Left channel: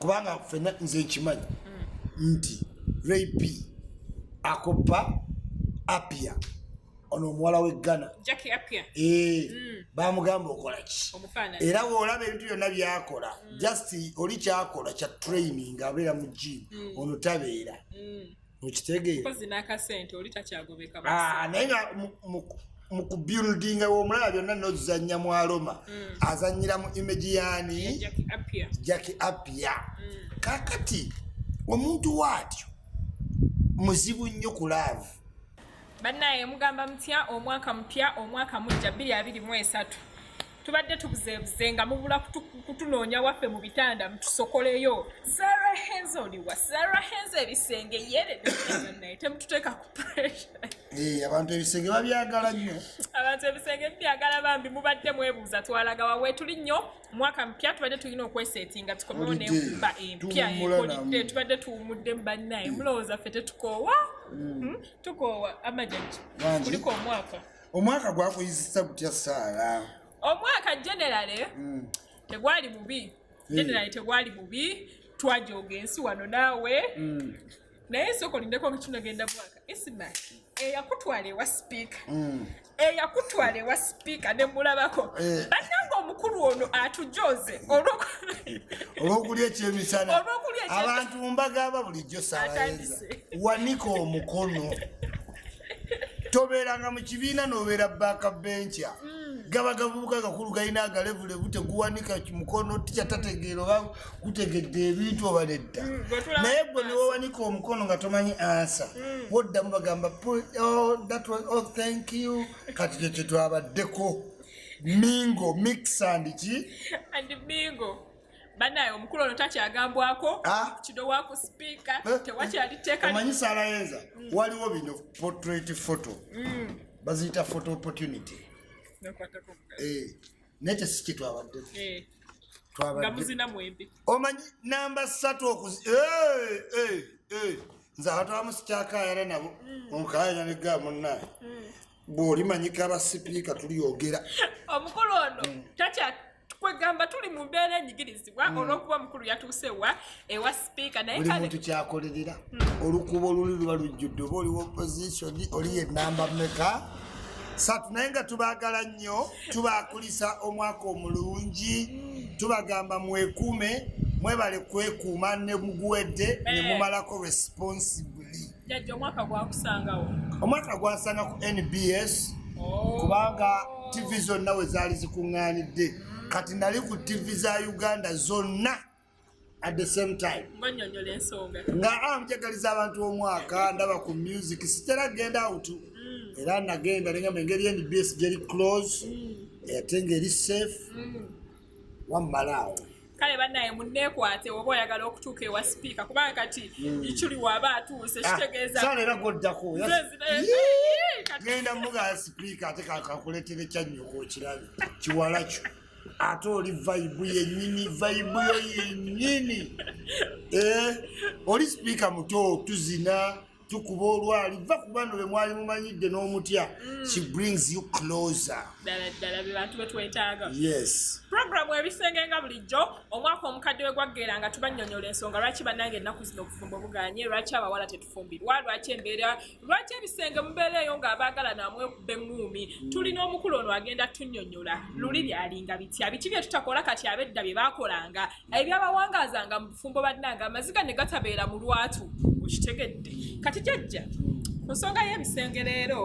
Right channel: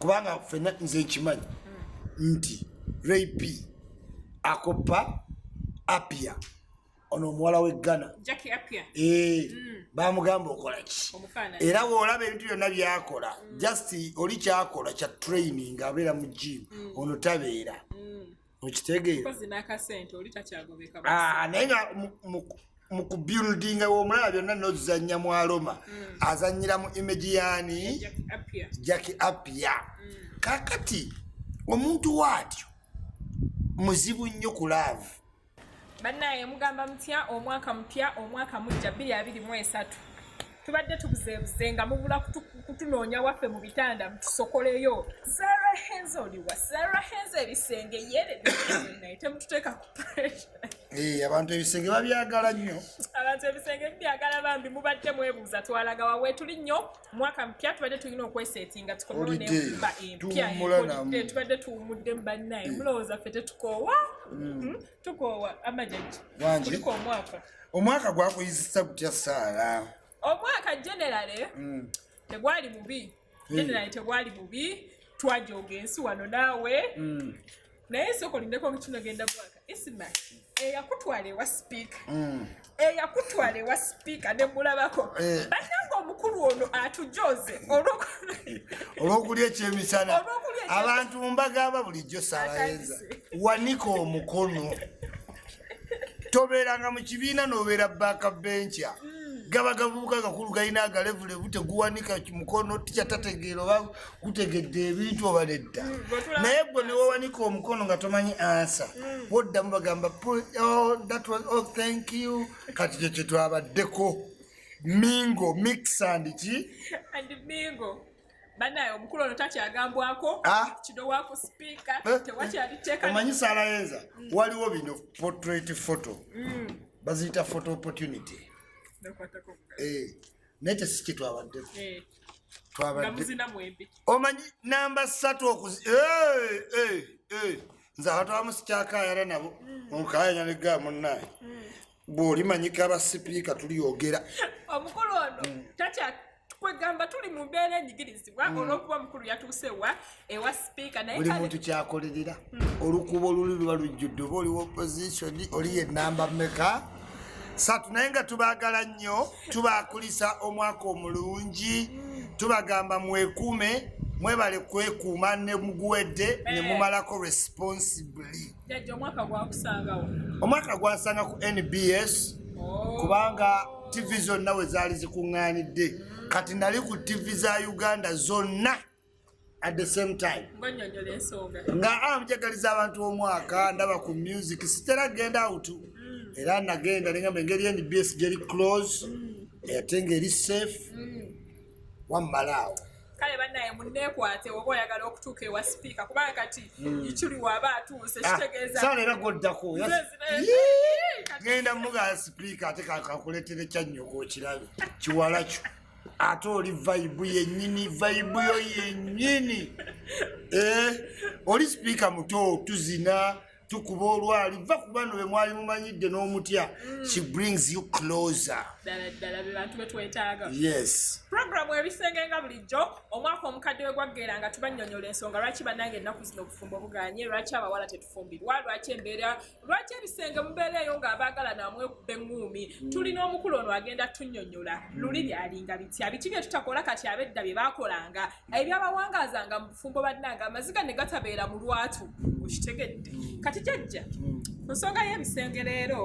kubanga fena nze nkimanyi nti Ray akopa Apia ono muwala we Ghana Jackie Apia bamugamba okola ki era woolaba ebintu byonna byakola just oli kyakola kya training abeera mu gym ono tabeera okitegeera naye nga mu kubuildinga w'omulaba byonna nozuzannya mu Aroma azannyira mu image yaani Jackie Apia kakati omuntu waatyo muzibu nnyo ku love bannaye mugamba mutya omwaka mpya omwaka mujja 2023 tubadde tubuzeebuze nga mubula kutunoonya waffe mu bitanda mutusokoleyo Sarah Henzo oliwa Sarah Henzo ebisenge yere naye temututeeka ku pressure abantu ebisenge babyagala nnyo abantu ebisenge byagala bambi mubadde mwebuuza twalaga wawe tuli nnyo mwaka mpya tubadde tulina okwesetinga tukomewo n'enkuba empya ekolidde tubadde tuwumudde mu bannaye mulowooza ffe tetukoowa tukoowa amajaji kuliko omwaka gwakuyizisa gutya Saara omwaka generale tegwali mubi generale tegwali mubi twajoga ensi wano naawe naye sokolindeko ntunagenda mwaka ISMA eyakutwala ewa speaker ne mulabako bannanga omukulu ono atujoze olw'okulya ekyemisana abantu mbagamba bulijjo Saarayenza wanika omukono tobeeranga mu kibiina n'obeera baakabencha gaba gavubuka gakulu galina agalevule buteguwanika mukono tikyatategeera oba gutegedde ebintu oba nedda naye gwe ne wawanika omukono nga tomanyi ansa woddamu bagamba thank you kati kye kyetwabaddeko mingo mix and ki and mingo banaye omukulu ono takyagambwako kido wako speaker tewakyaliteeka omanyi Saarayenza waliwo bino portrait photo baziyita photo opportunity nete siki twabaddeko omanyi namba 3 nze abantu abamu sikyakayala nabo omukayanya neggaa munnaye bw'olimanyika abasipiika tuliyogera omukulu ono kwegamba tuli mu mbeera enyigirizibwa olw'okuba mukulu yatuusewa ewa speaker naye buli muntu kyakolerera olukuba oluli luba lujjudde oba oliwo opposition oli ye namba mmeka satu naye nga tubaagala nnyo tubaakulisa omwaka omulungi tubagamba mwekuume mwebale kwekuuma ne muguwedde ne mumalako responsibly omwaka gwansanga ku NBS kubanga TV zonna we zaali zikuŋŋaanidde kati nali ku TV za Uganda zonna at the same time nga mujagaliza abantu omwaka ndaba ku music sitera genda out era nagenda nengamba engeri NBS geri close ate ngeri safe wammalaawo kale bannaye munneekwate oba oyagala okutuuka ewa speaker kubanga kati ikyuli waaba atuuse kitegeeza sala era goddako genda muga speaker ate kakuleetere kyannyoka okirabe kiwala kyo ate oli vibe yennyini vibe yo yennyini oli speaker muto tuzina tukuba olwali va ku bano be mwali mumanyidde n'omutya she brings you closer ddala be bantu betwetaaga yes programu ebisenge nga bulijjo omwaka omukadde we gwaggera nga tubannyonnyola ensonga lwaki bannange ennaku zino okufumba obuganye lwaki abawala tetufumbirwa lwaki embeera lwaki ebisenge mubeera eyo ng'abaagala namwekubba eŋŋuumi tulina omukulu ono agenda tunnyonnyola luli byalinga bitya biki bye tutakola kati ab'edda bye baakolanga ebyabawangazanga mu bufumbo bannange amaziga ne gatabeera mu lwatu okitegedde kati jjajja ku nsonga y'ebisenge leero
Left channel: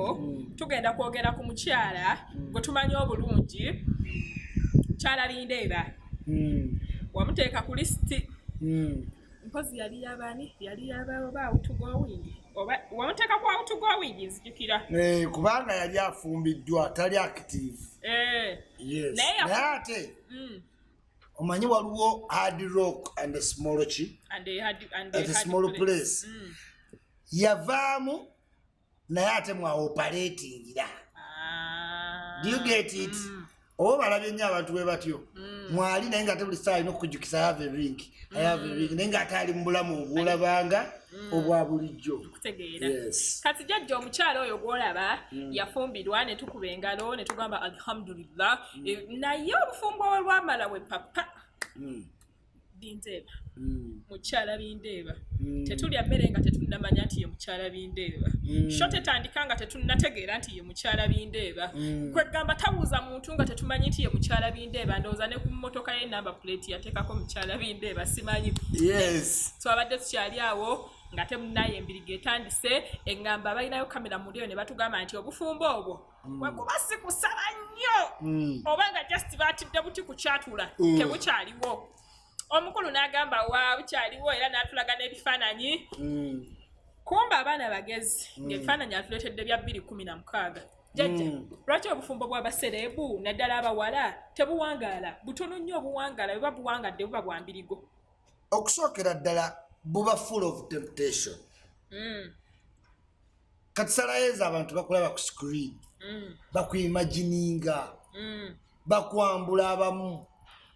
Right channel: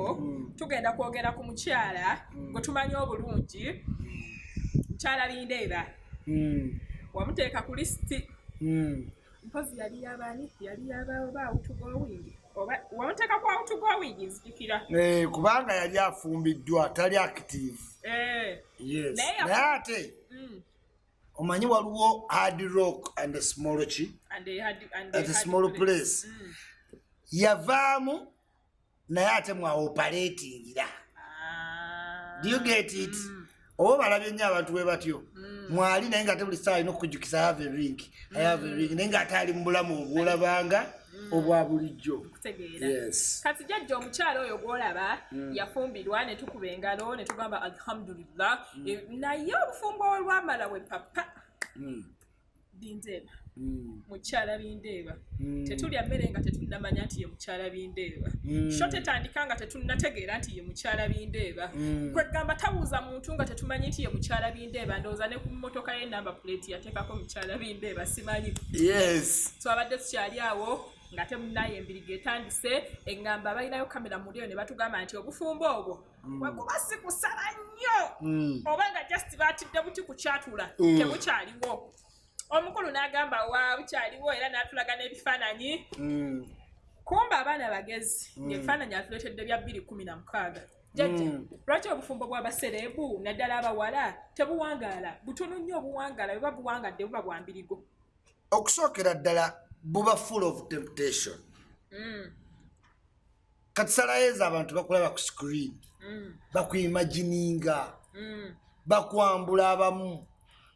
tugenda kwogera ku mukyala gwe tumanyi obulungi mukyala Bindeeba wamuteeka ku lisiti mpozi yali yabaani yali yabaoba outgoing oba wamuteeka ku outgoing nzijukira kubanga yali afumbiddwa tali active yes naye ate omanyi waliwo hard rock and a small chi and a small place yavaamu naye ate mwaoperatingira do you get it oba balabye nnyo abantu bwe batyo mwali naye nga ate buli ssaawa alina okukujjukisa I have a ring naye nga ate ali mu bulamu obwolabanga obwa bulijjo yes kati jjajja omukyala oyo gw'olaba yafumbirwa ne tukuba engalo ne tugamba alhamdulillah naye obufumbo olwamala we papa Bindeeba. Mukyala Bindeeba. Tetulya mmere nga tetunnamanya nti ye mukyala Bindeeba. Sho tetandika nga tetunnategeera nti ye mukyala Bindeeba. Gwe gamba tabuuza muntu nga tetumanyi nti ye mukyala Bindeeba, ndowooza ne ku mmotoka ye namba plate yateekako mukyala Bindeeba simanyi. Yes. So abadde tukyali awo nga temunaye embiriga etandise, eŋŋamba balinayo kamera mu lyo ne batugamba nti obufumbo obwo bwe kuba si kusaba nnyo oba nga just baatidde buti ku kyatula tebukyaliwo. Omukulu n'agamba wa bukyaliwo era n'atulaga n'ebifaananyi. Kumba abaana bagezi ng'ebifaananyi atuleetedde bya 2016. Jjajja, lwaki obufumbo bw'abasereebu naddala abawala tebuwangaala? Butono nnyo obuwangaala, bwe buwangadde buba bwa mbirigo. Okusookera ddala buba full of temptation. Kati salayeeza abantu bakulaba ku screen. Bakuimagininga. Bakwambula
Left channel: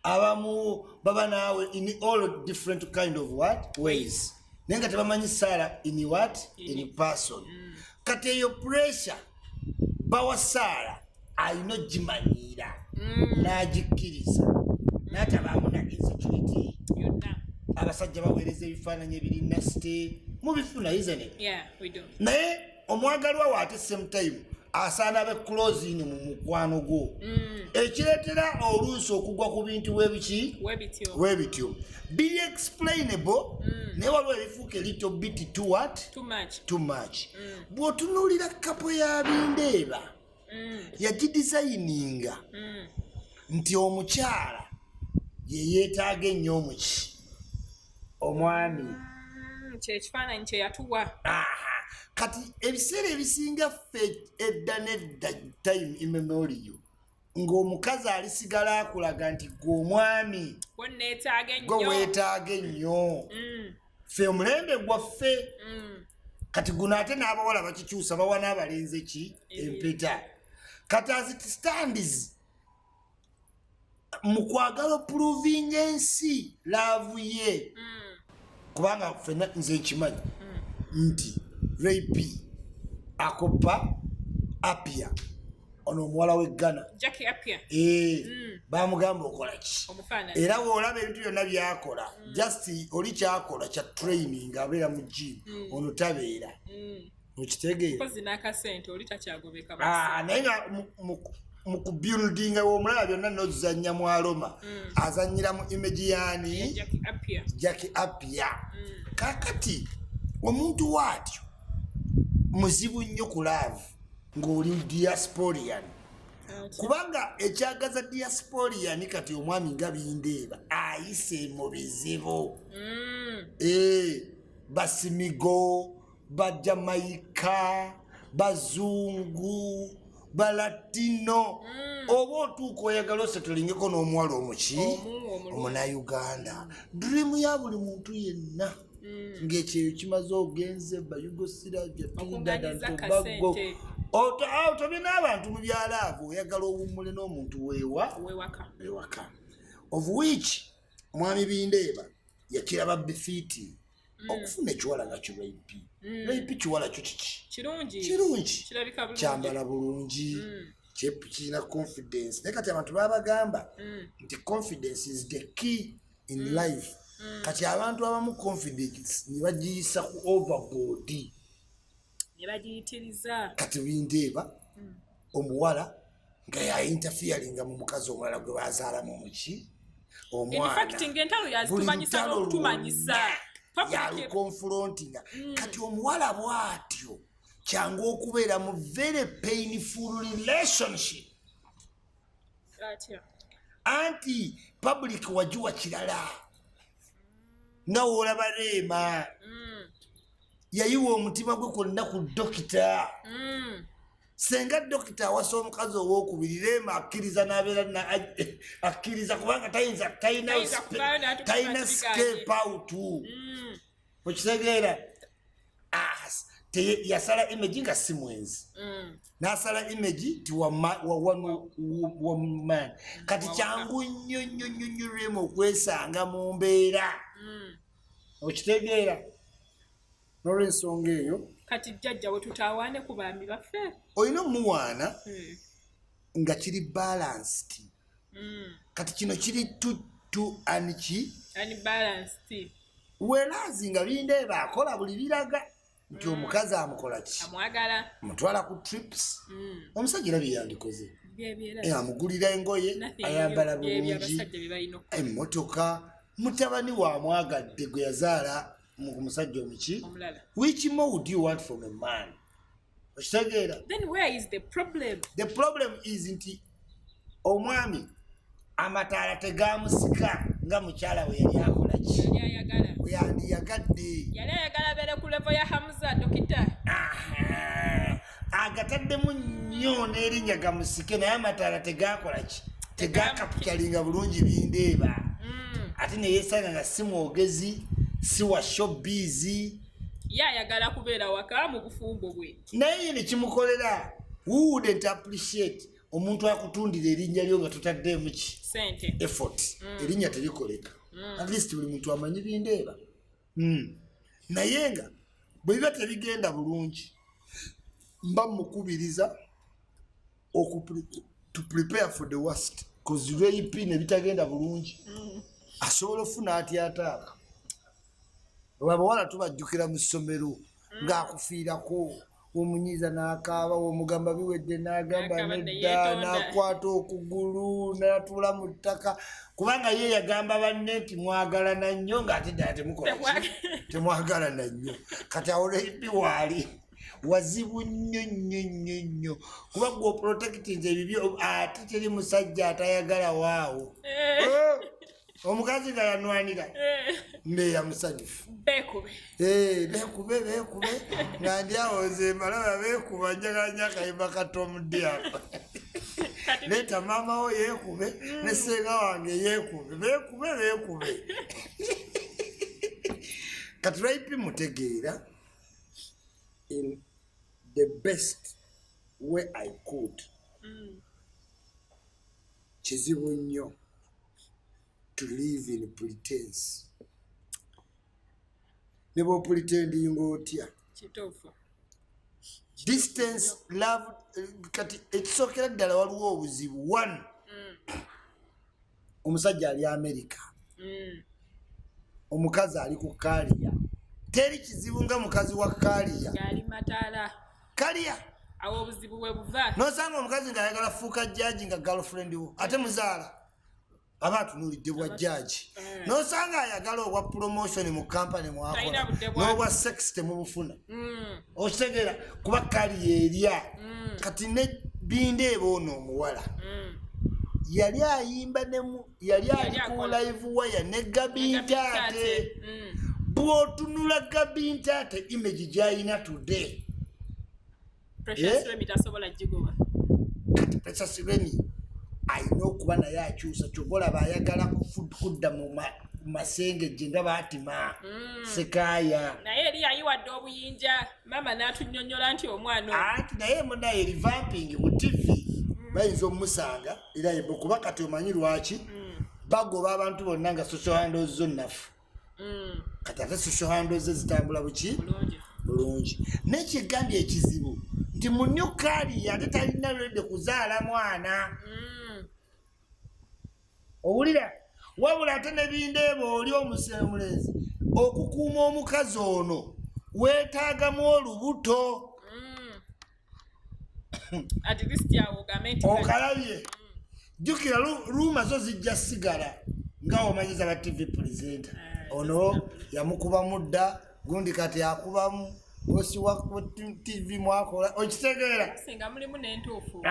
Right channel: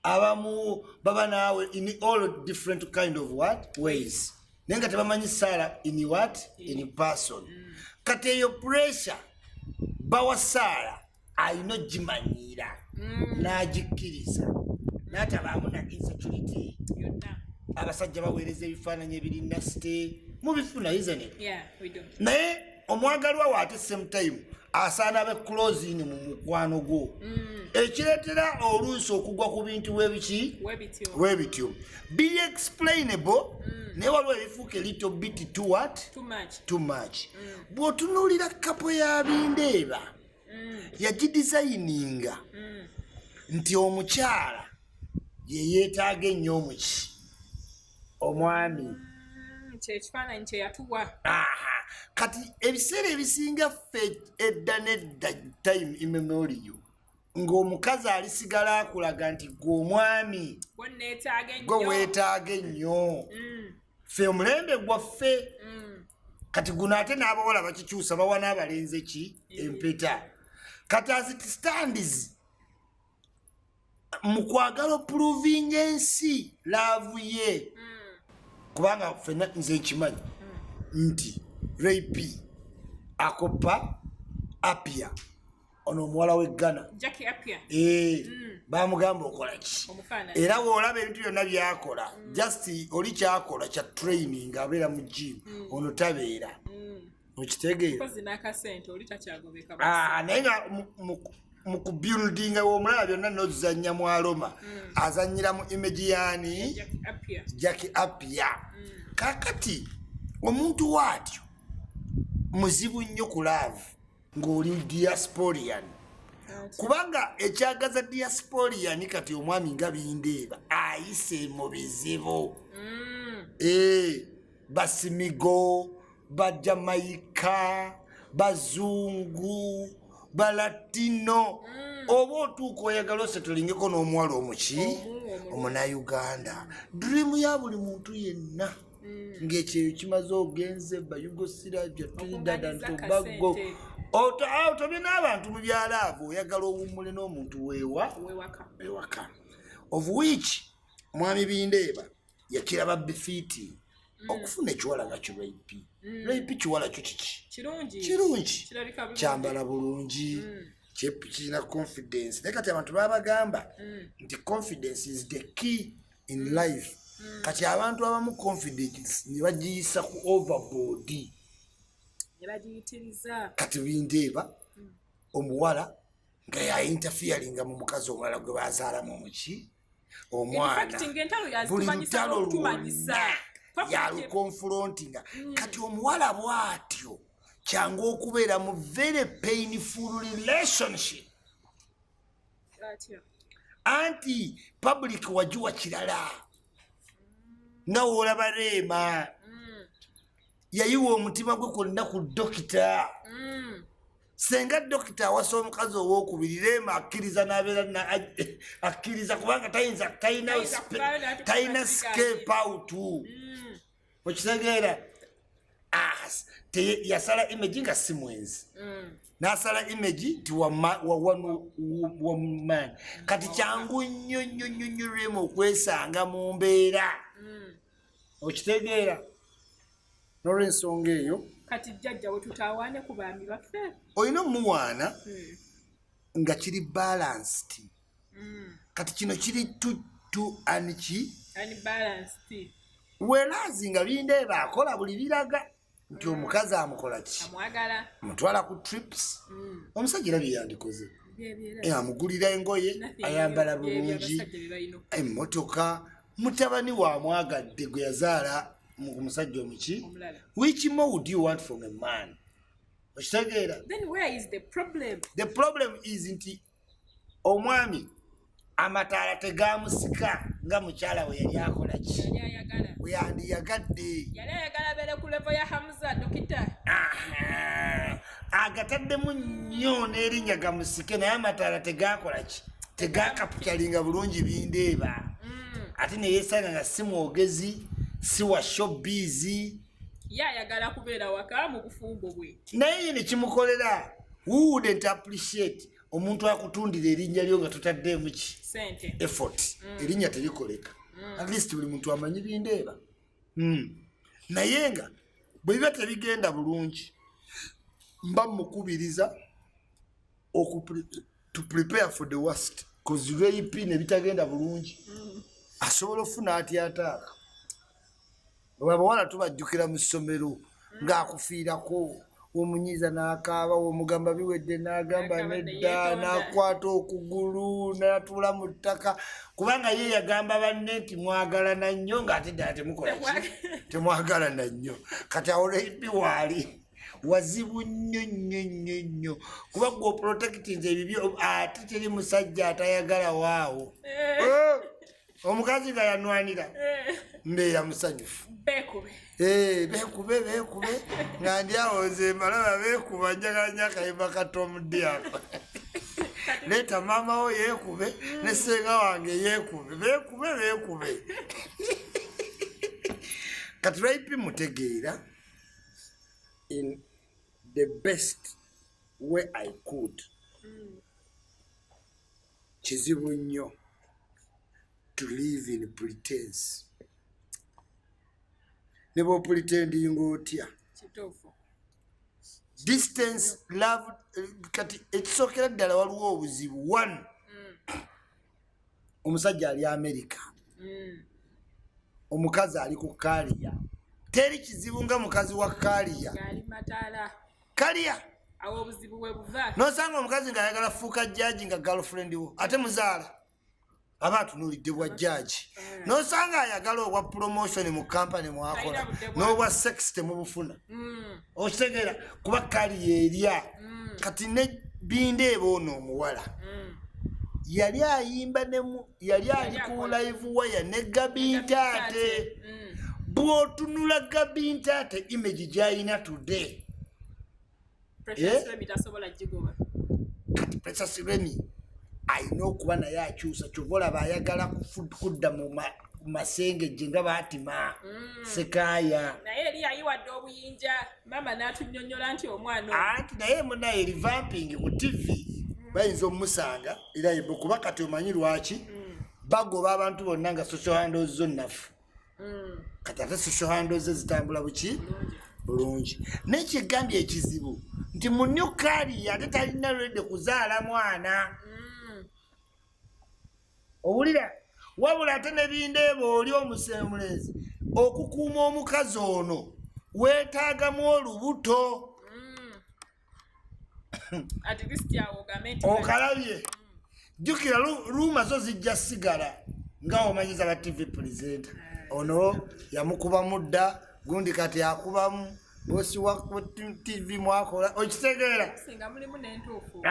abamu baba naawe in all different kind of what ways. Naye nga tebamanyi Saala in what? In person. Kati eyo pressure bawa Saala alina ogimanyiira n'agikkiriza n'atabaamu na insecurity yonna. Abasajja baweereza ebifaananyi ebiri nasite mubifuna, isn't it? Yeah, we do. Naye omwagalwa wa ate same time asaana abe close in mu mukwano gwo. Ekireetera oluusi okugwa ku bintu webityo biri explainable naye waliwo ebifuuka little bit too what? Too much. Bw'otunuulira kapo ya Bindeeba yagidesigninga nti omukyala ye yeetaaga ennyo omuki omwami. Kyekifaananyi kye yatuwa. Kati ebiseera ebisinga ffe edda nedda time immemorial ng'omukazi alisigala akulaga nti gwe omwami gwe weetaaga ennyo. Ffe omulembe gwaffe kati guno ate n'abawala bakikyusa bawa n'abalenzi ki empeta. Kati as it stands mu kwagala proving ensi laavu ye kubanga ffenna nze nkimanyi nti Rape akopa Apia ono omuwala w'e Ghana. Jackie Apia. Bamugamba okola ki? Era bw'olaba ebintu byonna byakola just oli kyakola kya training abeera mu gym ono tabeera. Okitegeera? Kozi n'akasente oli takyagobeka. Naye nga mu kubuildinga w'omulaba byonna n'ozannya mu Aroma azannyira mu image yaani Jackie Apia. Kakati omuntu waatyo muzibu nnyo ku love ng'oli diasporian kubanga ekyagaza diasporian kati omwami nga Bindeeba ayise mu bizibu. Basimigo, Bajamaika, Bazungu, Balatino oba otuuka oyagala osetolingeko n'omuwala omuki Omunayuganda. Dream ya buli muntu yenna ng'ekyeyo kimaze ogenze Bayugoslavia, Trinidad and Tobago. Otobye n'abantu mu byalo abo oyagala owummule n'omuntu wewaka. Of which mwami Bindeeba yakiraba bifiti okufuna ekiwala nga kiraipi. Raipi kiwala kyo kiki? Kirungi. Kyambala bulungi. Kirina confidence. Naye kati abantu babagamba nti confidence is the key in life. Kati abantu abamu confidence ne bagiyisa ku overboard. Ne bagiyitiriza. Kati Bindeeba omuwala nga ya interfering mu mukazi omulala gwe bazaalamu omuki omwana. In fact ng'entalo yazitumanyisa n'okutumanyisa. Yalukonfrontinga. Kati omuwala bw'atyo kyangu okubeera mu very painful relationship. Anti public wajuwa kirala nga olaba Reema yayiwa omutima gwe kwonna ku dokita. Senga dokita awasa omukazi ow'okubiri Reema akkiriza n'abeera akkiriza kubanga talina escape out. Okitegeera? Yasala image nga si mwenzi. N'asala image ti wa man. Kati kyangu nnyo Reema okwesanga mu mbeera. Okitegeera? N'olw'ensonga eyo kati jjajja we tutawaane ku baami baffe olina omuwaana nga kiri balanced. Kati kino kiri tu aniki unbalanced. Whereas nga Bindeeba akola buli biraga nti omukazi amukola ki? Amwagala. Mutwala ku trips. Omusajja era bye yandikoze. Amugulira engoye, ayambala bulungi, emmotoka, mutabani wa mwagadde gwe yazaala mu musajja omuki. Which more would you want from a man? Okitegeera? Then where is the problem? The problem is nti omwami amataala tegamusika nga mukyala we yali akola ki? We yandiyagadde. Yali ayagala beere ku level ya Hamza dokita. Agataddemu nnyo n'erinnya gamusike naye amataala tegakola ki? Tegakapitalinga bulungi Bindeeba. Ate ne yeesanga nga si mwogezi, si wa showbiz. Ye ayagala kubeera waka mu bufumbo bwe. Naye ne kimukolera. Who wouldn't appreciate omuntu akutundira erinnya lyo nga totaddeemu ki? Sente. Effort. Erinnya terikoleka. At least buli muntu amanyi Bindeeba. Naye nga bwe biba tebigenda bulungi mba mukubiriza to prepare for the worst because rape ne bitagenda bulungi asobola ofuna atyataaka abawala tubajjukira mu ssomero ng'akufiirako omunyiza n'akaaba omugamba biwedde n'agamba nedda n'akwata okugulu n'atuula mu ttaka kubanga ye yagamba banne nti mwagalana nnyo ng'ate ddala temukola ki temwagalana nnyo kati awo rape waali wazibu nnyo nnyo nnyo nnyo kuba gwe oprotectinze ebibyo ate teri musajja atayagala waawo omukazi nga yanwanira mbeera musanyufu beekube nga ndi awo nze malaba beekuba njagala nnyo akayimba katomudde ako leeta maama wo yeekube ne ssenga wange yeekube beekube kati rape mutegeera in the best way I could. Kizibu nnyo to live in pretense. Ne bw'opretendinga otya. Kituufu. Distance, love, kati ekisookera ddala waliwo obuzibu. One, omusajja ali America. Omukazi ali ku Kaliya. Teri kizibu nga mukazi wa Kaliya. Gali mataala. Kaliya. Awo obuzibu bwe buva. Nosanga omukazi nga ayagala fuuka judge nga girlfriend wo. Ate muzaala. Aba atunuulidde bwa judge. Nosanga ayagala obwa promotion mu company mwakola. N'obwa sex temubufuna. Okitegeera kuba Kaliya erya. Kati ne Bindeeba ono omuwala. Yali ayimba yali ali ku live wire ne Gabintaate. Bw'otunula Gabintaate image gy'alina today. Precious Remi tasobola gigoba. Kati Precious Remi alina okuba naye akyusa kyova olaba ayagala kudda mu masengejje nga baatima Sekaaya. Naye eri yayiwadde obuyinja maama n'atunnyonnyola nti omwana anti naye munaye revamping ku TV bayinza omusanga era yebo kuba kati omanyi lwaki bagoba abantu bonna nga social handles zo nnafu. Kati ate social handles zitambula buki bulungi. N'ekigambye ekizibu nti munyo Kaliya ate talina lwedde kuzaala mwana. Owulira wabula ate ne Bindeeba oli omulenzi okukuuma omukazi ono weetaagamu olubuto. At least yawo gamenti. Okalabye. Jjukira ruuma zo zijja sigala nga omanyiza ba TV presenter. Ono yamukuba mudda gundi kati akubamu bosi wa TV mwakola okitegeera singa mulimu n'entuufu.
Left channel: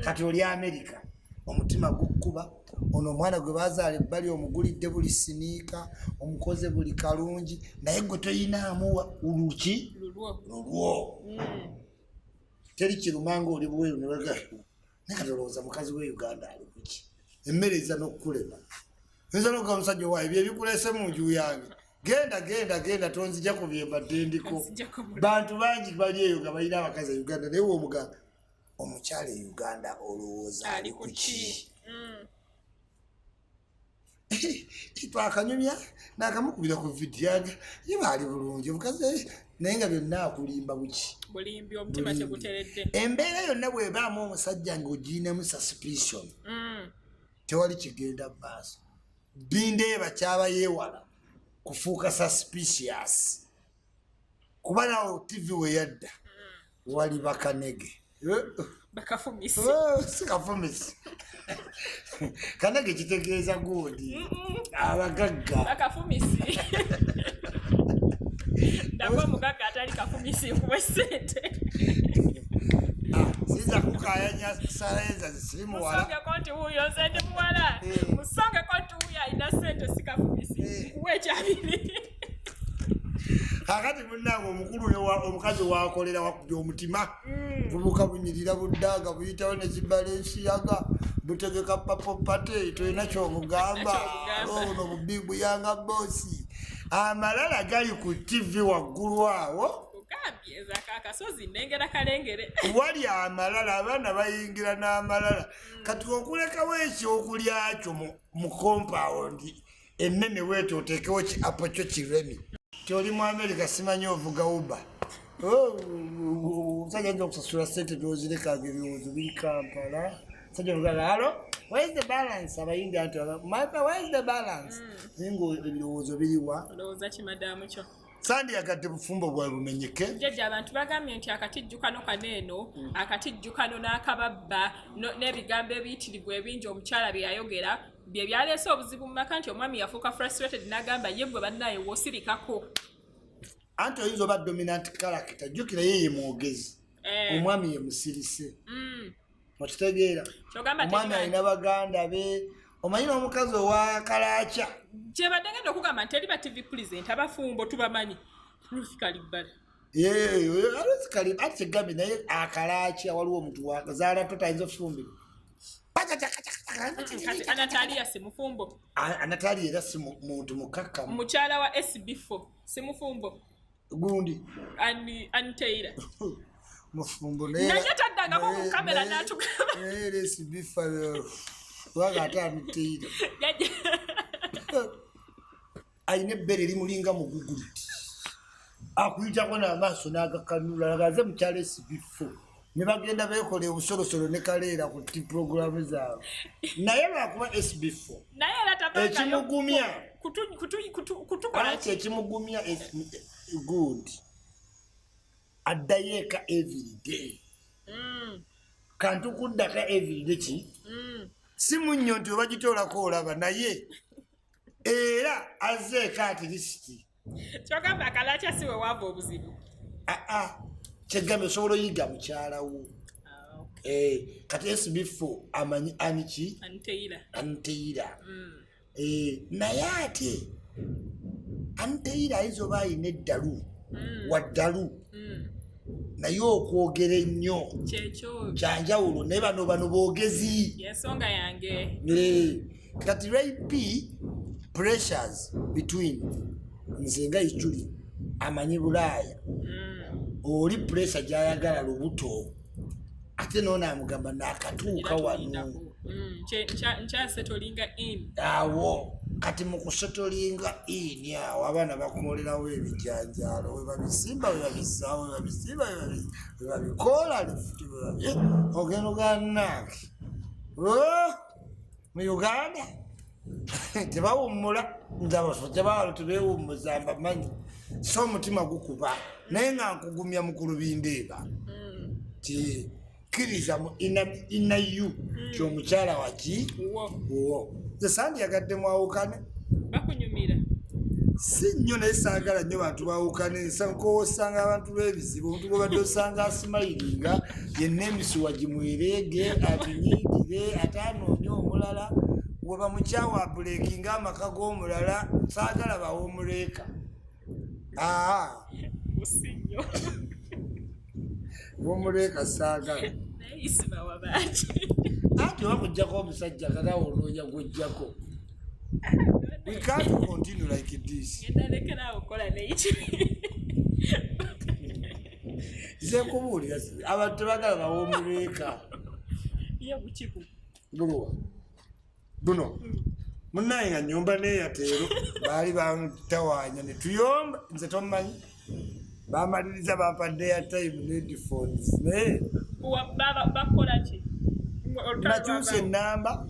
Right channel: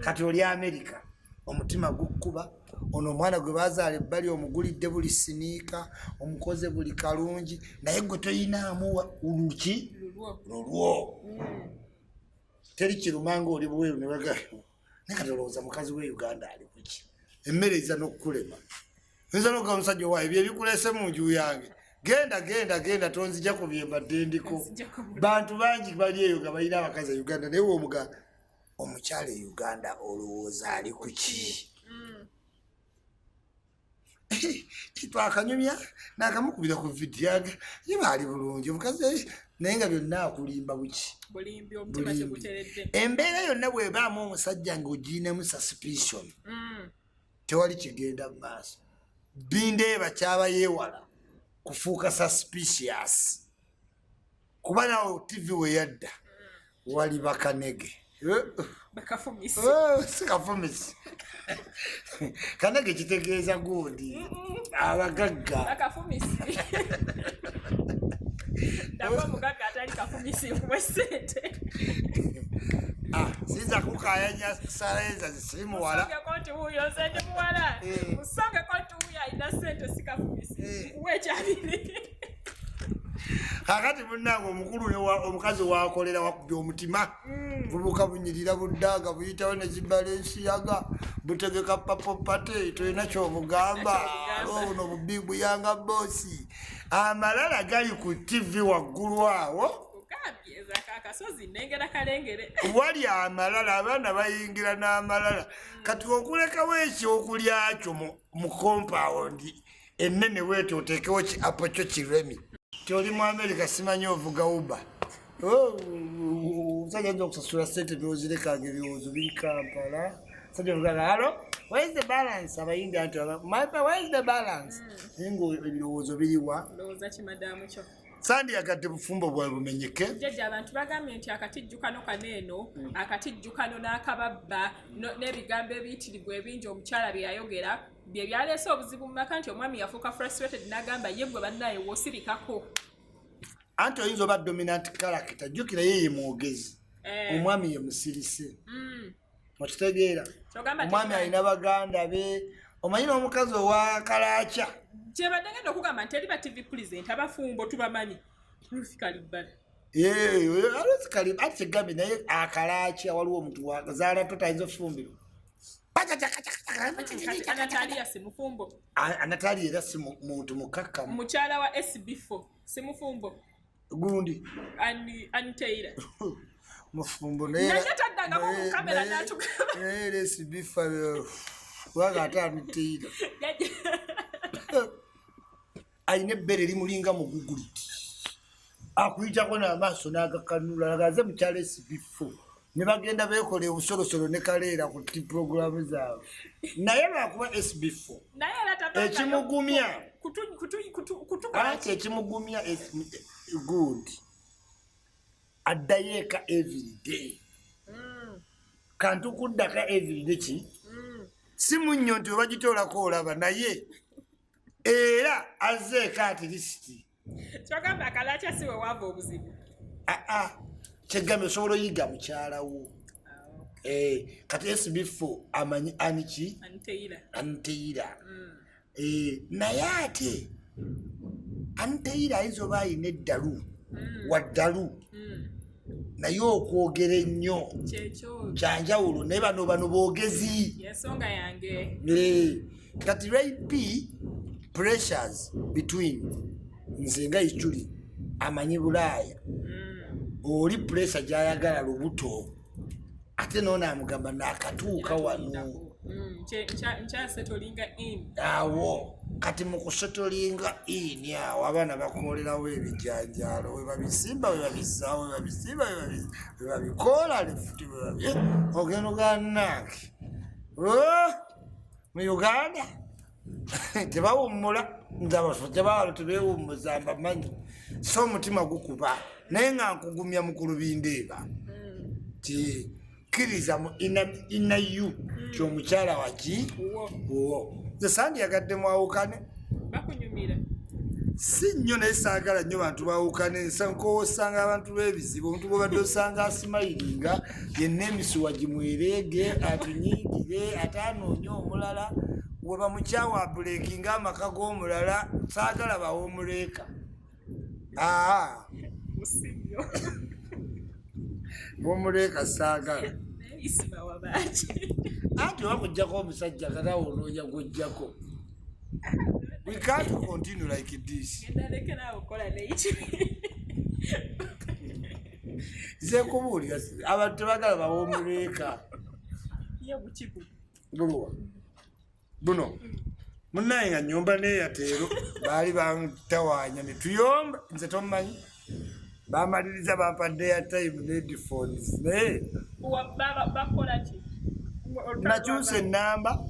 Kati oli America omutima gukkuba ono omwana gwe bazaala ebbali omugulidde buli siniika omukoze buli kalungi naye gwe toyinaamu uluki lulwo. Teri kirumanga oli bweru ne baga naye kati olowooza mukazi we Uganda ali kuki emmere eza n'okukulema nza n'okuga omusajja owaayo bye bikuleese mu nju yange genda tonzija ku bye mbadde ndiko. Bantu bangi bali eyo nga balina abakazi e Uganda naye woomuganda omukyala e Uganda olowooza ali kuki. Twakanyumya n'akamukubira ku vidiyo yange ye baali bulungi omukazi naye nga byonna akulimba buki bulimbi omutima teguteredde. Embeera yonna bw'ebaamu omusajja ng'ogiinamu suspicion tewali kigenda mu maaso. Bindeeba kyaba yeewala kufuuka suspicious kuba nawe TV we yadda wali bakanege sikafumisi kanege kitegeeza gundi abagagga bakafumisi ndabwo mugagga atali kafumisi nkuwe ssente sinza kukayanya saleza zisimuwala musonge konti huyo sente muwala musonge konti huyo alina sente sikafumisi nkuwe ekyabiri kakati munnange omukulu omukazi wakolera wakubya omutima bubuka bunyirira buddaga buyitawo nezibala ensiyaga butegeka papopate tolina kyobugamba ono bubiibuyanga boosi amalala gali ku TV waggulu awo wali amalala abaana bayingira n'amalala kati okulekawo ekyokulyakyo mu kompawundi ennene weete oteekewo kiapo kyo kiremi Toli mu America simanyi ovuga uba. Sajja nja okusasula ssente byozireka ebirowoozo biri Kampala. Sajja ovuga halo, where is the balance? Abayindi anti where is the balance? Ngo ebirowoozo biriwa. Lowooza ki madamu kyo. Sandi yagadde bufumbo bwa bumenyeke. Jjajja abantu bagambye nti akatijjukano kaneeno, akatijjukano n'akababba n'ebigambo ebiyitirivu ebingi omukyala bye yayogera bye byaleese obuzibu mu maka nti omwami yafuuka frustrated n'agamba ye gwe bannaye woosirikako. Anti oyinza oba dominant character, jjukira ye ye mwogezi. Omwami ye musirise. Okitegeera. Omwami alina baganda be. Omanyi n'omukazi owa Kalaacha. Gye badde ngenda okugamba nti eri ba TV present abafumbo tubamanyi. Ruth Kalibala. Ruth Kalibala ate gambi naye Akalaacha waliwo omuntu wazaala totayinza ofumbiro. Anatalia si mufumbo. Anatalia era si muntu mukakka. Mukyala wa SB4 si mufumbo. Gundi. Anteira. Mufumbo naye. Nanyataddanga mu kamera n'atugamba. SB4 wagata Anteira. Ayine ebbere limulinga muguguliti. Akuyitako n'amaaso n'agakanula lagaze mukyala SB4. Ne bagenda beekole obusolosolo ne kaleera ku programu zaabwe. Naye lwakuba SB4. Naye era tabanga. Ekimugumya. Kutukola ki ekimugumya good. Addayo eka every day. Kantu kuddaka every day ki? Si munnyo nti obagitoolako olaba naye era azze eka at least. Kyogamba Kalaacha siwe wava obuzibu. Kyegambe osobola oyiga mukyala wo. Kati SB4 amanyi aniki? Anteira. Naye ate Anteira ayinza oba ayina eddalu waddalu naye okwogera ennyo kyanjawulo naye bano boogezi. Yensonga yange. Kati rape pressures between nze nga Ichuli amanyi Bulaaya. Oli pressure gyayagala lubuto ate noona amugamba n'akatuuka wano. Nkyasetolinga in. Awo kati mu kusetolinga in awo abaana bakolerawo ebijanjaalo we babisimba we babisaawo we babisimba we babikoola lefuti we ogenda ogannange mu Uganda tebawummula nzabasotebawalo tebeewummuza mbamanyi so omutima gukuba naye nga nkugumya mukulu Bindeeba ti kkiriza mu inayu ky'omukyala waki ze Sandi yagadde mwawukane bakunyumira si nnyo naye saagala nnyo bantu bawukane nsankowosanga abantu b'ebizibu omuntu bw'obadde osanga asimayiringa yenna emisuwa gimwerege atunyiigire ate anoonye omulala we bamukyawa buleekinga amaka g'omulala saagala bawomuleeka womuleeka saagala ISMA wabaaki anti wakujjako omusajja katawo onoonya gujjako. We can't continue like this. Nze kubuulira abantu tebagala bawomuleeka. Buno munnaye nga nnyumba n'eyateero baali bantawanya ne tuyomba nze tomumanyi bamaliriza bampadde ya time ne headphones naye bakola ki nakyusa ennamba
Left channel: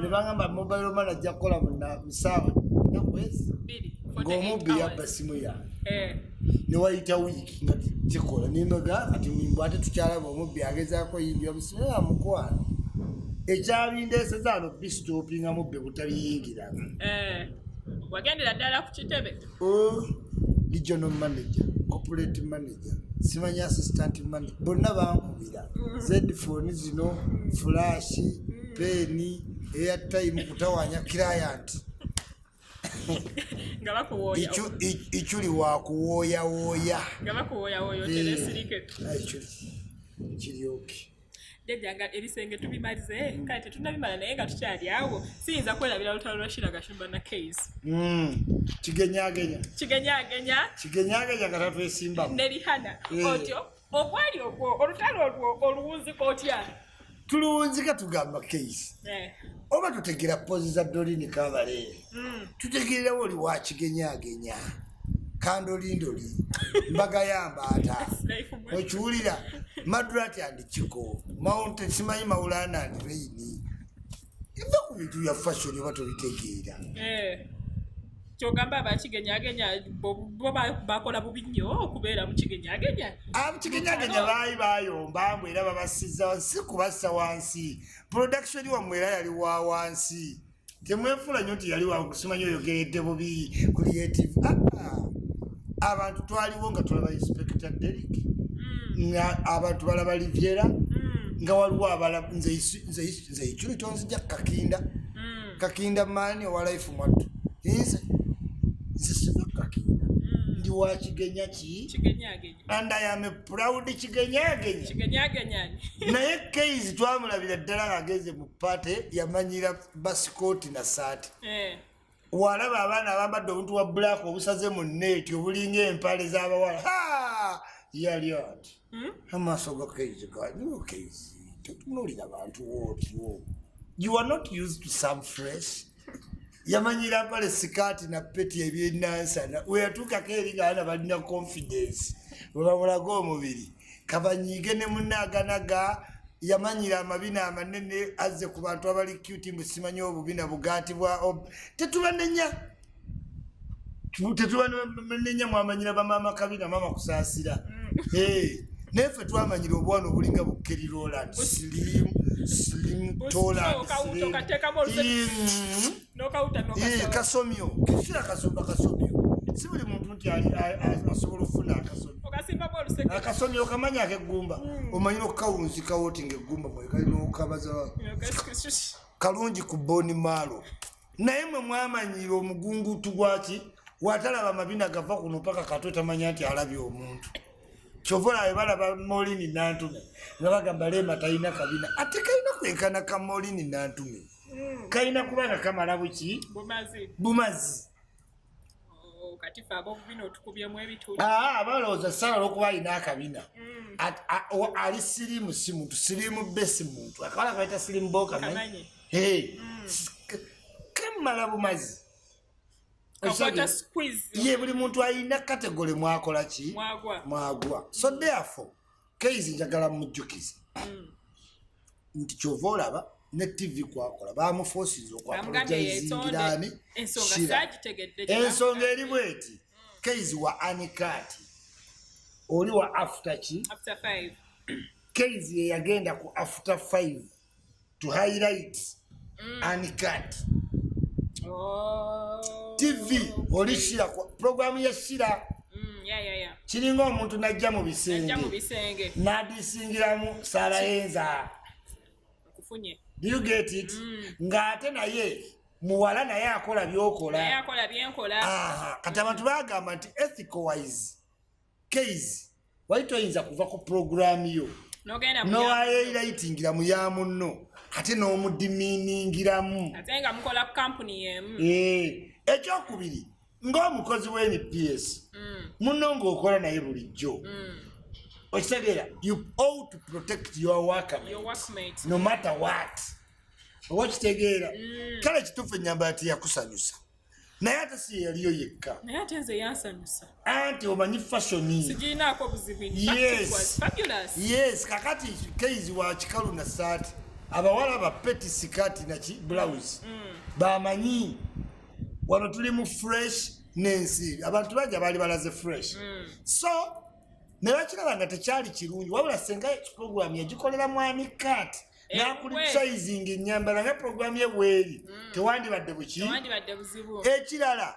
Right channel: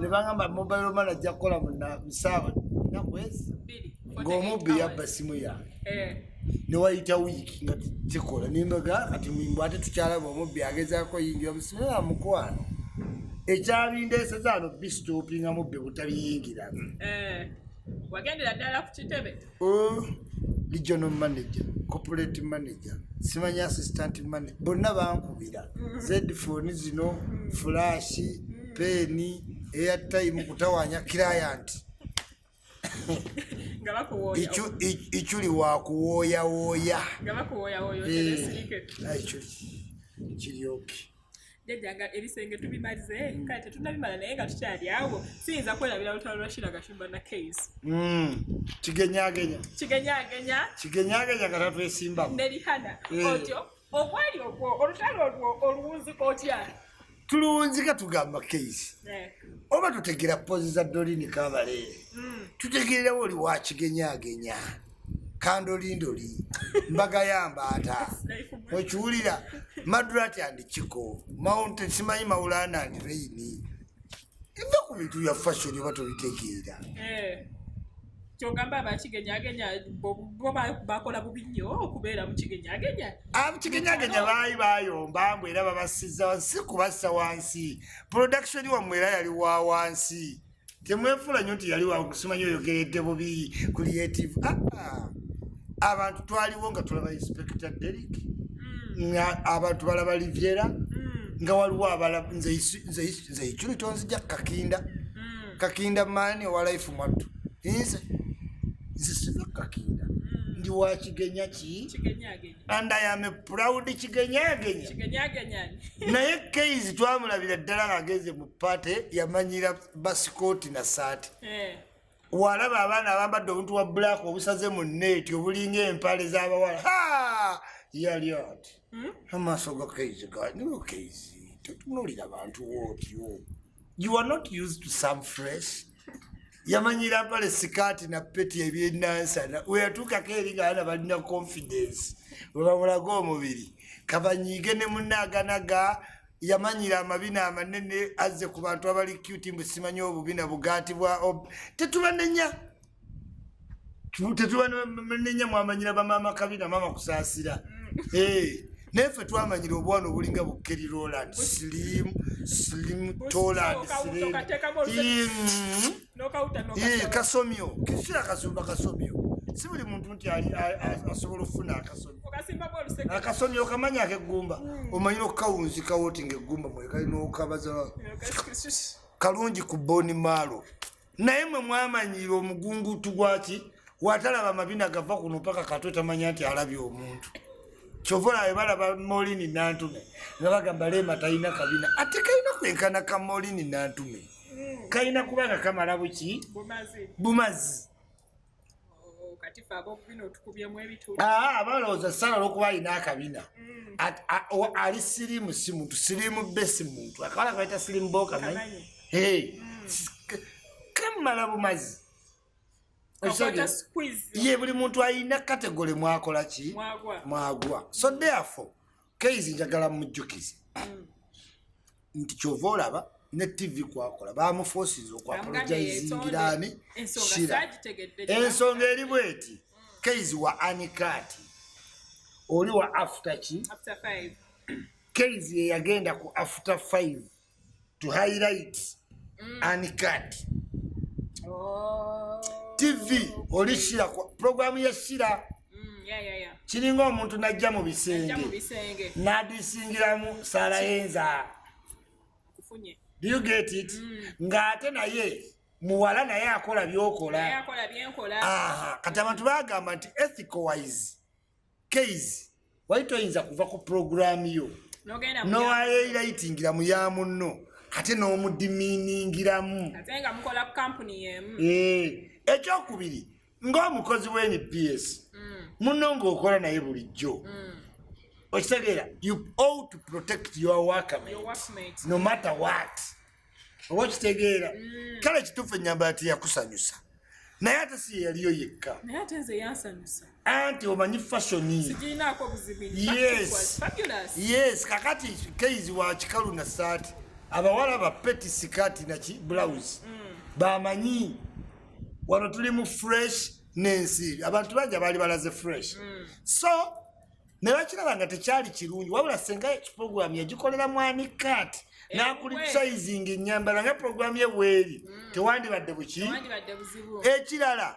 ne bangamba mobile money ajja kukola mu ssaawa nakwezi ng'omubbi yabba simu yange ne wayita wiiki nga kikola nimbaga ati mbw ate tukyalaba omubbi agezaako yingira busimu mukwano ekyabindeeseza ano bisitoopinga mubbi butabiyingiramu wagendera ddala ku kitebe regional manager corporate manager simanyi assistant manager bonna bankubira zphone zino flash peni airtime kutawanya client nga bakuwooya ikyuli wakuwooyawooya nga bakuwooyawooya oteresirike kiryoke jjajjanga ebisenge tubimalize kale tetunabimala naye nga tukyali awo siyinza kwerabira lutalo lwa Shira Gashumba na case kigenyagenya nga tatwesimbamu ne Rihana otyo obwali ogwo olutalo olwo oluwunzika otya tuluwunzika tugamba case oba tutegera pozi za Dolini Kabaleere tutegerewo oli wa kigenyagenya kandolindoli mbagayamba ata okiwulira Madrati and Chiko Mount simanyi Maulana and Raini eva ku bintu bya fashion oba tobitegeera kyogamba abakigenyagenya bo bakola bubi nnyo okubeera mu kigenyagenya abakigenyagenya baali bayomba mbwe era babasiza wansi kubassa wansi production wamwe era yali wa wansi temwefula nnyo nti yali wakusimanyi oyogeredde bubi creative abantu twaliwo nga tulaba Inspector Derek nga abantu balaba Liviera nga waliwo abala nze ikyuli tonzija kakinda maani owa life mwattu nze siva kakinda ndi wa kigenya ki and I am a proud kigenyagenya naye Keizi twamulabira ddala ng'ageze mu pate yamanyira basikooti na saati walaba abaana abambadde obuntu bwa black obusaze mu neeti obulinga empale z'abawala yali ati amaaso ga Keizi ganiwo Keizi tetunulira bantu wootyo you are not used to some fresh yamanyira mpale sikaati na peti ebyennansana weyatuukako eri ngaana balina confidence webamulaga omubiri kabanyiige ne munaaganaga yamanyira amabina amanene azze ku bantu abali cute mbwe simanyi obubina bugaatibwa tetubanenya mwamanyira bamaama kabina maama kusaasira nefe twamanyira obwana obulinga bukeri Roland slim Toland kasomyo kisira kasumba kasomyo si buli muntu nti asobola okufuna akasomyo okamanya akeggumba omanyira okukawunzika woti ngaeggumba mwe kalina okabaza kalungi ku boni maalo naye mwe mwamanyira omugungutu gwaki watalaba amabina gava kuno paka katwe tamanya nti alabye omuntu chovola ebalaba Molini Nantume nga bagamba Lema talina kabina ate kalina kwenkana ka Molini Nantume kalina kubanga kamala buki bumazi kati fabo bino tukubyemu ebitu balowooza ssala olwokuba alina akabina ali sirimu si muntu sirimu besi muntu akawala kaita sirimu boka manyi kamala bumazi ye buli muntu alina kategole mwakola ki mwagwa so therefore Keizi njagala mujjukize nti kyova olaba ne TV kwakola bamufoosiza okwapologizingirani ensonga eri bweti Keizi wa anikati oli wa after ki Keizi ye yagenda ku after 5 to highlight anikati TV oli Shira programu ya Shira kiringa omuntu najja mu bisenge nadisingiramu Sarayenza do you get it ng'ate naye muwala naye akola byokola kati abantu bagamba nti ethical wise Keizi wali toyinza kuva ku programu yo nowayeirayitingira mu ya munno ate n'omudiminingiramu ate nga mukola ku kampuni yemu ekyokubiri ng'omukozi w'NPS munno ng'okola naye bulijjo okitegeera you ought to protect your workmates no matter what oba okitegeera kale kituufu ennyamba ati yakusanyusa naye ate si ye yaliyo yekka naye ate nze yansanyusa anti omanyi fashoni sigiinaako buzibu yes kakati Keizi wa kikalu na saati abawala ba peti sikati naki blouse bamanyi wano tuli mu fresh nensi abantu bangi abali balaze fresh so ne bakiraba nga tekyali kirungi wabula senga program yagikolera mwani kat nakulisizing ennyambala nga program ye bweri tewandibadde buki ekirala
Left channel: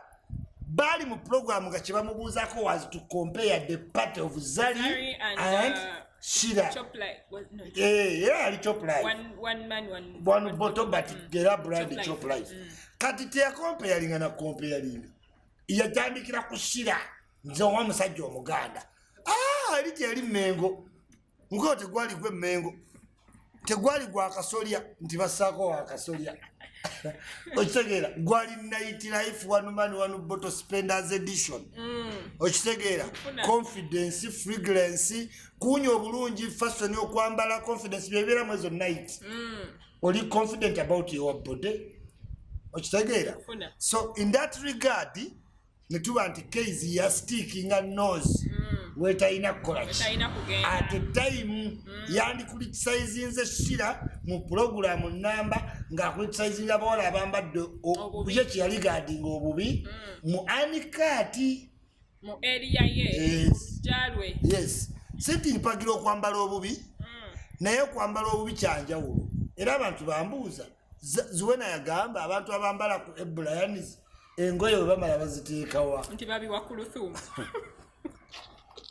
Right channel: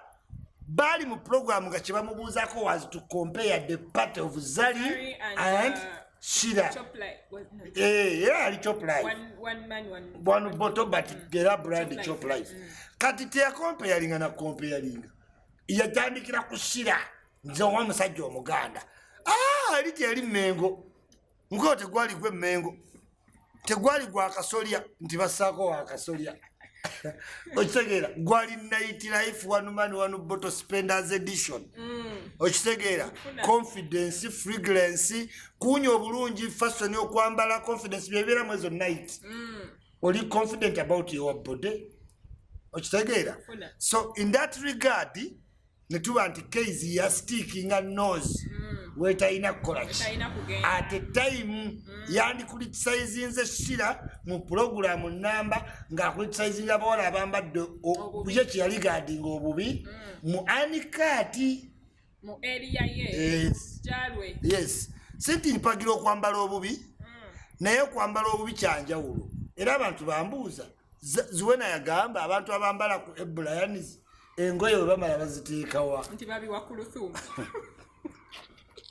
bali mu program nga kyebamubuuzako was to compare the part of Zari and Shira. Yeah, ali chop life. One bottle, but get up brand chop life. Kati te comparing na comparing. Yatandikira ku Shira. Nzo wa musajja omuganda. Ali teri mengo. Ngote gwali gwe mengo. Tegwali gwa kasolya nti basako wa kasolya. Okitegera gwali night life one man one bottle spenders edition. Okitegera confidence fragrance kunyo bulungi fashion okwambala confidence byebera mwezo night. Oli confident about your body. Okitegera so in that regard netuba nti case ya sticking a nose wetaina kolachi at a time yandi criticize nze Shira mu program namba nga criticize abawala abambadde obuye kyali guarding obubi mu anikati mu area ye jalwe yes senti mpagiro kwambala obubi naye kwambala obubi kyanjawulo era abantu bambuuza zuwena yagamba abantu abambala ku Ebulayanis engoye bamala baziteekawa nti babi wakuluthum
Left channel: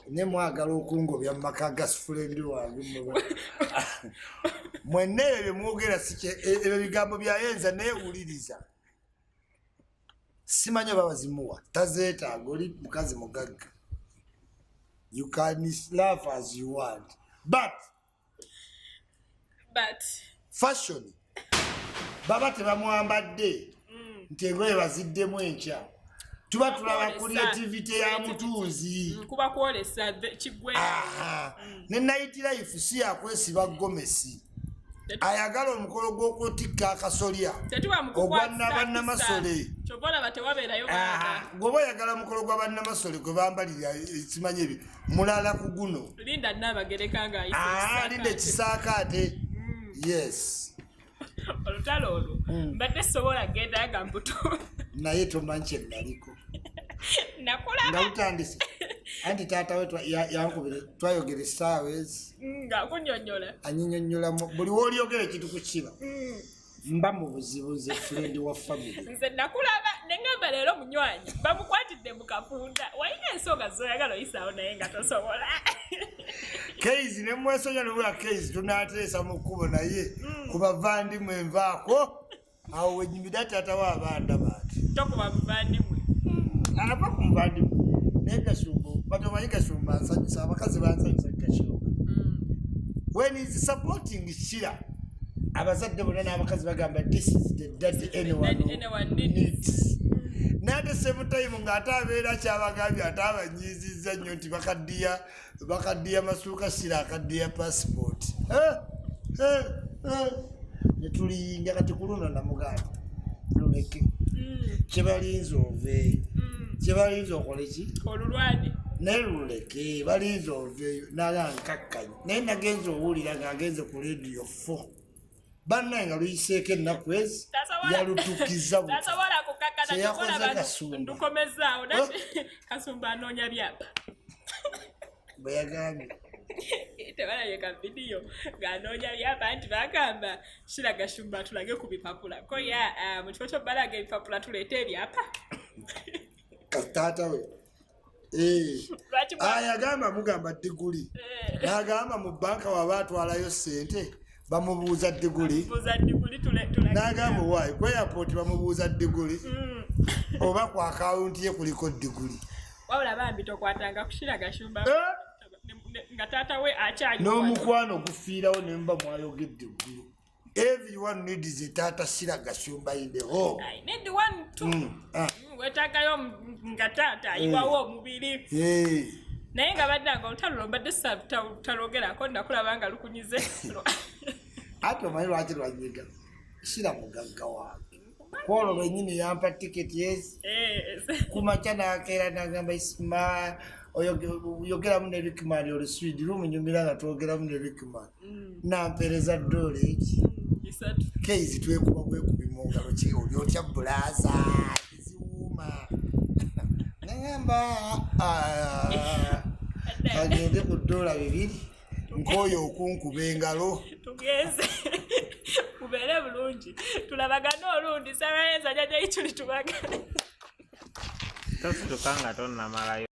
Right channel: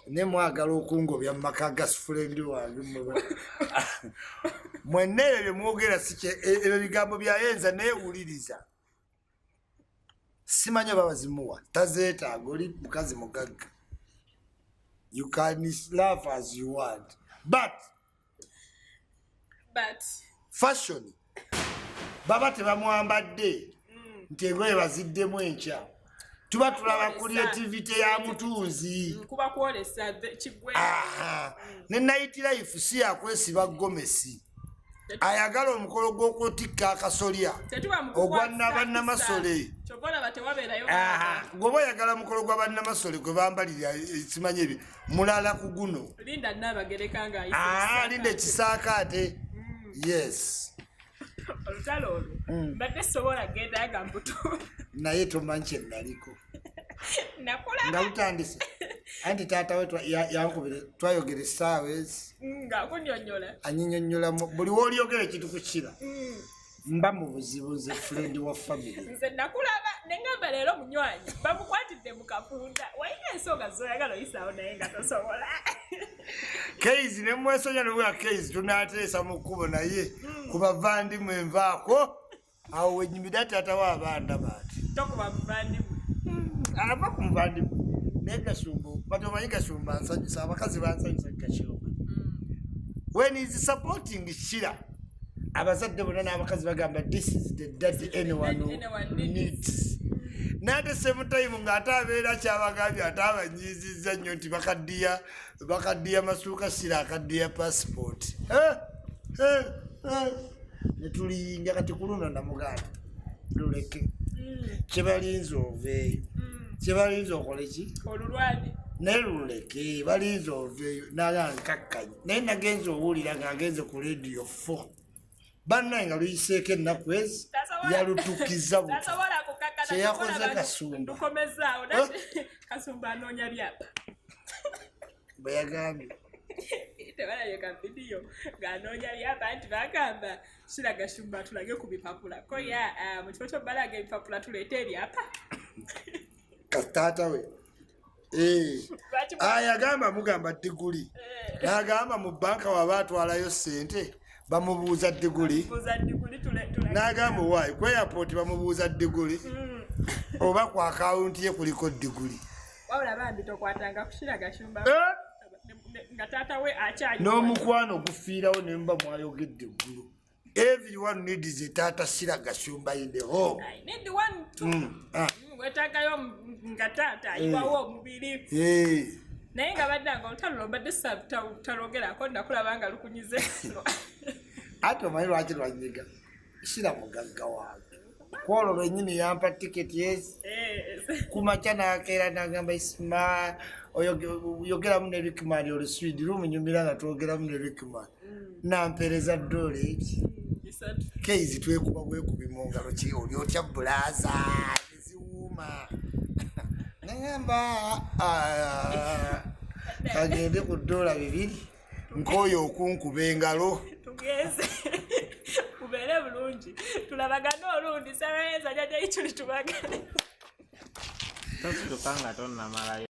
ne mwagala okungobya maka gas friend wange mwene ebyo mwogera sike ebyo bigambo byayenza neewuliriza simanyo babazimuwa tazeetaaga oli mukazi mugagga you can laugh as you want but fashion baba tebamwambadde nti engoye baziddemu enkya tuba tulaba creativity ya mutuuzi kuba kwolesa kigwe ne night life si yakwesiba gomesi ayagala omukolo gw'okutikka akasolya ogwannabannamasole gwoba oyagala omukolo gw'abannamasole gwe bambalira simanyi ebyo mulala ku guno linda ekisaakaate yes olutalo olwo mbadde sobola genda nga mbuto naye tomanyi kye naliko nakulaba nga utandise anti taata we yankubire twayogera essaawa ezi ng'akunnyonnyola anyinyonnyola buli w'olyogera ekintu kukira mba mu buzibu nze friend wa family nze nakulaba ne ngamba leero munywanyi bamukwatidde mu kafunda walina ensonga zoyagala oyisaawo naye nga tosobola Keizi ne mwesonya nobwa Keizi tunaateesa mu kkubo naye ku bavandimwe envaako awo wenyimira taata w'abanda baati tokuba muvandimwe ava ku muvandimwe naye Gashumba batomanyi Gashumba nsanyusa abakazi bansanyusa Gashumba when is supporting Shira abazadde bonna n'abakazi bagamba this is the daddy anyone needs n'ate same time ng'ate abeera kyabagambye ate abanyiizizza nnyo nti bakaddiya masuuka Shira akaddiya passport ne tuliyinja kati ku luno namuganda luleke kyebalinza oveeyo kyebalinza okole ki olulwane naye luleke balinza oveeyo naga nkakkanyi naye nagenza owulira ng'agenze ku radio 4 bannaye nga luyiseeko ennaku ezi yalutukiza kyeyakoze Kasumba Kasumba anoonya byapa bwe yagambye tebalabye ka vidiyo ng'anoonya byapa nti bagamba Shira Gashumba tulage ku bipapula ko ya mu kifo ky'obbalaga ebipapula tuleeta ebyapa taata we yagamba mugamba diguli n'agamba mu banka waba atwalayo ssente bamubuuza diguli n'agamba waayi ku airport bamubuuza diguli oba ku akawunti ye kuliko diguli wabula bambi tokwatanga ku Shira Gashumba nga taata we akyali n'omukwano gufiirawo ne muba mwayogedde eggulu everyone needs a taata Shira Gashumba in the home I need one too wetagayo nga taata ayiwawo omubiri naye nga baddanga olutalo lombadde talogerako nakulaba nga lukunyize ate omanyi lwaki lwanyiga Shira mugagga wange kwolwo lwennyini yampa tiketi ezi kumakya nakeera nagamba ISMA oyogeramu ne Rickman oluswidi lumunyumira nga twogeramu ne Rickman nampeereza dola eki keizi twekuba bwekubi mu ngalo ki oli otya bulaza eziwuuma nagamba kagende ku $2 nk'oyo okunkuba engalo tugeze kubeere bulungi tulabagane olundi sabayenza jajja ikyuli tubagane tosukanga tonnamalayo